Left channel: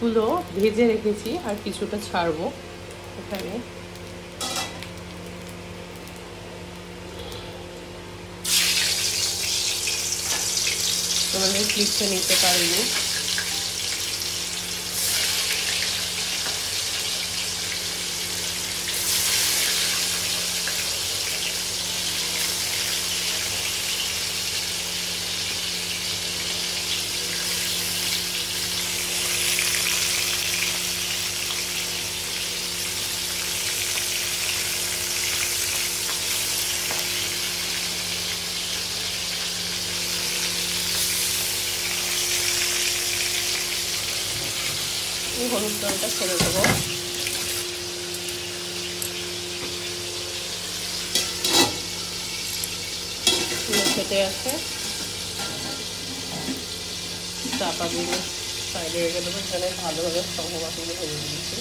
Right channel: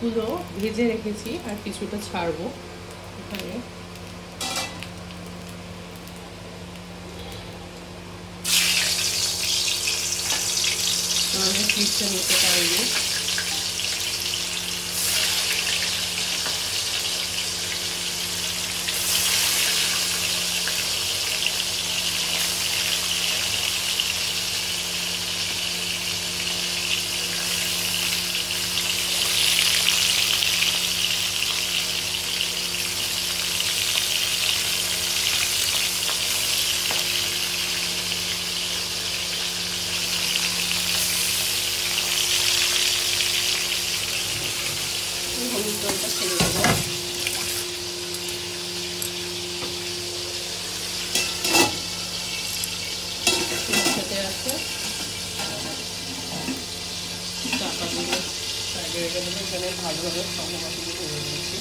পিসগুলো ভেজে রেখেছি আর কিছুটা ছাড়বো এখানে। তোমাদের ক্লিপটা নিতে পারিনি। হলুদ জলটা ছেড়ে দেবো। খেতে আছে চাপা দিয়ে সাইডে রেখে দেবো। এখানে ভালোভাবে সহবাটিগুলো ভেজে নিয়েছি।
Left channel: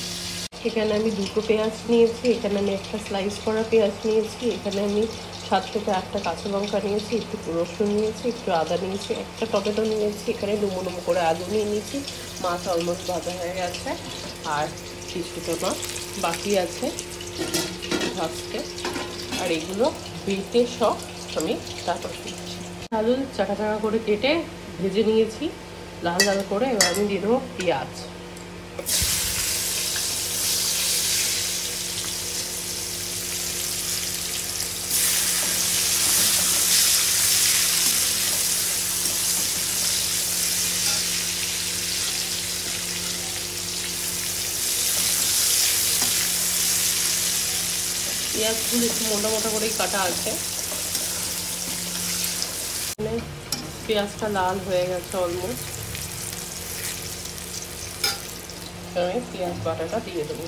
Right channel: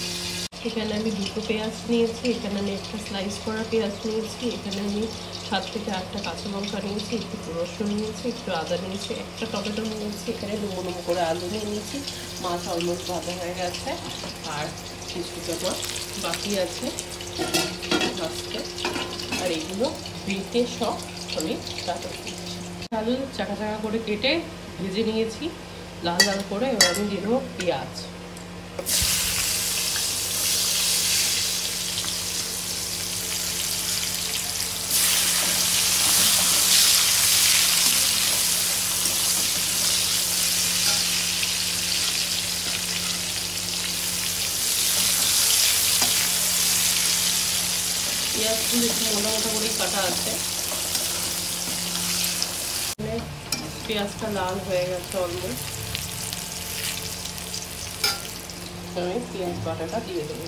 এখানে আমি দুটো পেঁয়াজ নিয়েছি, এখানে আমি একটা স্লাইস করা পেঁয়াজ নিয়েছি, এখানে আমি 7 থেকে 8টা কাঁচা লঙ্কা নিয়েছি, একটু রসুন নিয়েছি, একটু আদা নিয়েছি, একটা টমেটো নিয়েছি, এখানে ডুমো ডুমো করে আলু নিয়ে নিয়েছি। মাছ অলমোস্ট ভাজা হয়ে গেছে আর কিছুটা মাছ বাকি আছে ভাজতে। আর এগুলো বেটে সব আমি তারপর দিচ্ছি। আলু চাকা চাকা করে কেটে ভেজে নিয়েছি লাল লাল করে। এবার আমি দিয়ে দেবো পেঁয়াজ। পেঁয়াজগুলো একটু মোটা মোটা করেই কাটা আছে। পেঁয়াজটা লাল হয়ে গেছে অলমোস্ট। আমি পেঁয়াজ বাটাটা দিয়ে দেবো।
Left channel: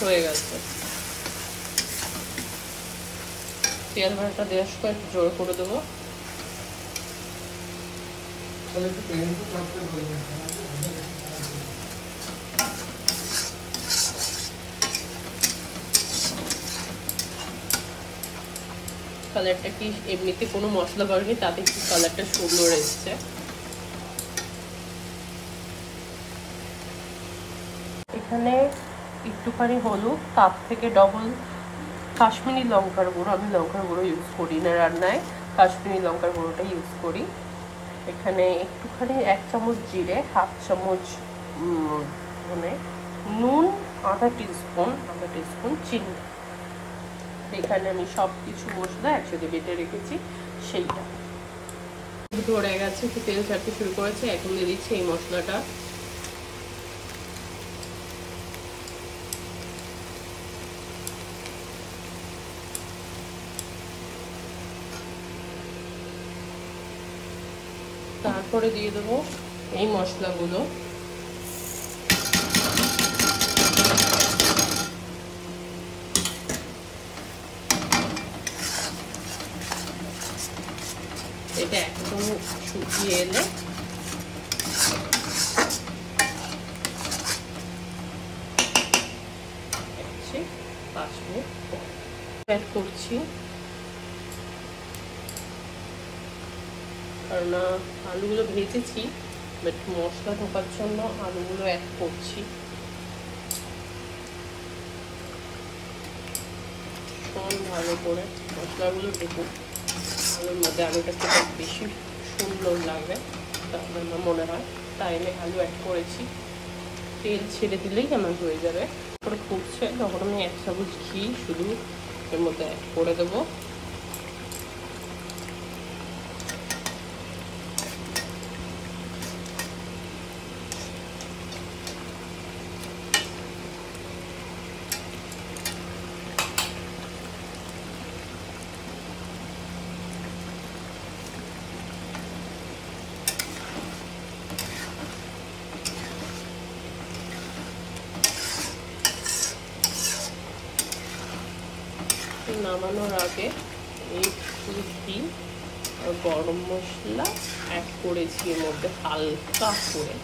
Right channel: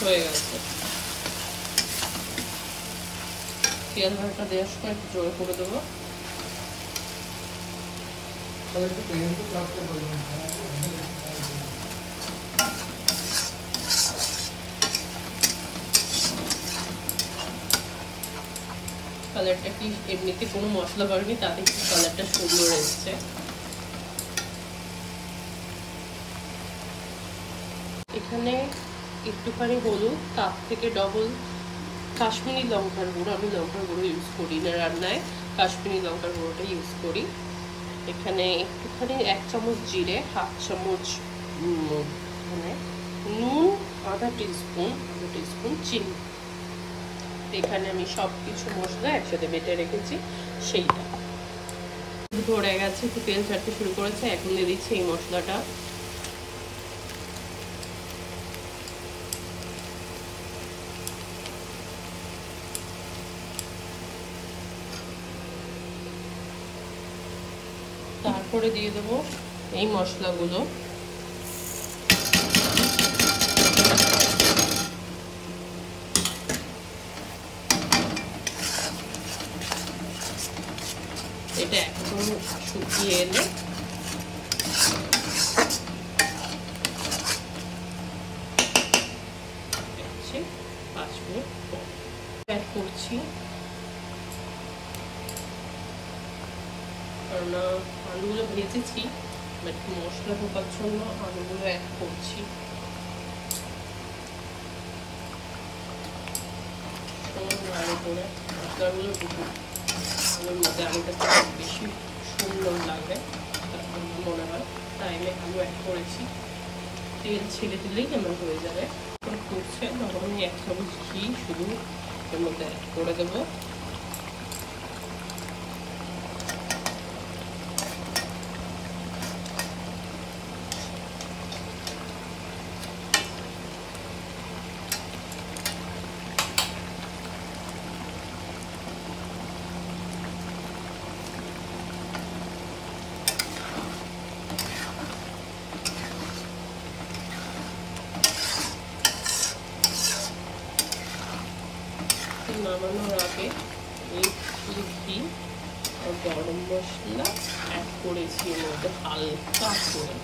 হয়ে গেছে। পেঁয়াজ বাটাটা দেওয়ার সময় একটু জোর করে দেবো। কালারটা কি এমনিতে কোনো মশলা পড়েনি, তাতে কি কালারটা সুন্দর এসছে। এখানে একটুখানি হলুদ, তার থেকে ডবল কাশ্মীরি লঙ্কার গুঁড়ো। আমি লঙ্কার গুঁড়ো ইউজ করি না রান্নায়, কাশ্মীরি লঙ্কার গুঁড়োটা ইউজ করি। এখানে একটুখানি 1 চামচ জিরে, 1/2 চামচ মানে নুন, আধা টিস্পুন চিনি। এখানে আমি সব কিছু মশলা একসাথে বেটে রেখেছি সেইটা। ধরে গেছে, একটু তেল ছাড়তে শুরু করেছে। এখন দিয়ে দিচ্ছি এই মশলাটা। তারপরে দিয়ে দেবো এই মশলাগুলো। এটা একদম শুকিয়ে এলে হচ্ছে 5 মিনিট পর অ্যাড করছি। কারণ আলুগুলো ভেজেছি, বাট মশলা ঢোকার জন্য আলুগুলো অ্যাড করছি। ভালো করে মশলাগুলো ঢুকুক আলুর মধ্যে, আলুটা খেতে বেশি সুন্দর লাগবে তারপর আমার মনে হয়। তাই আমি আলু অ্যাড করেছি। তেল ছেড়ে দিলেই আমার হয়ে যাবে। করে ফুটছে তখন আমি 1 চামচ ঘি শুধু এর মধ্যে অ্যাড করে দেবো। নামানোর আগে এই ঘি আর গরম মশলা অ্যাড করেছি এর মধ্যে হালকা করে।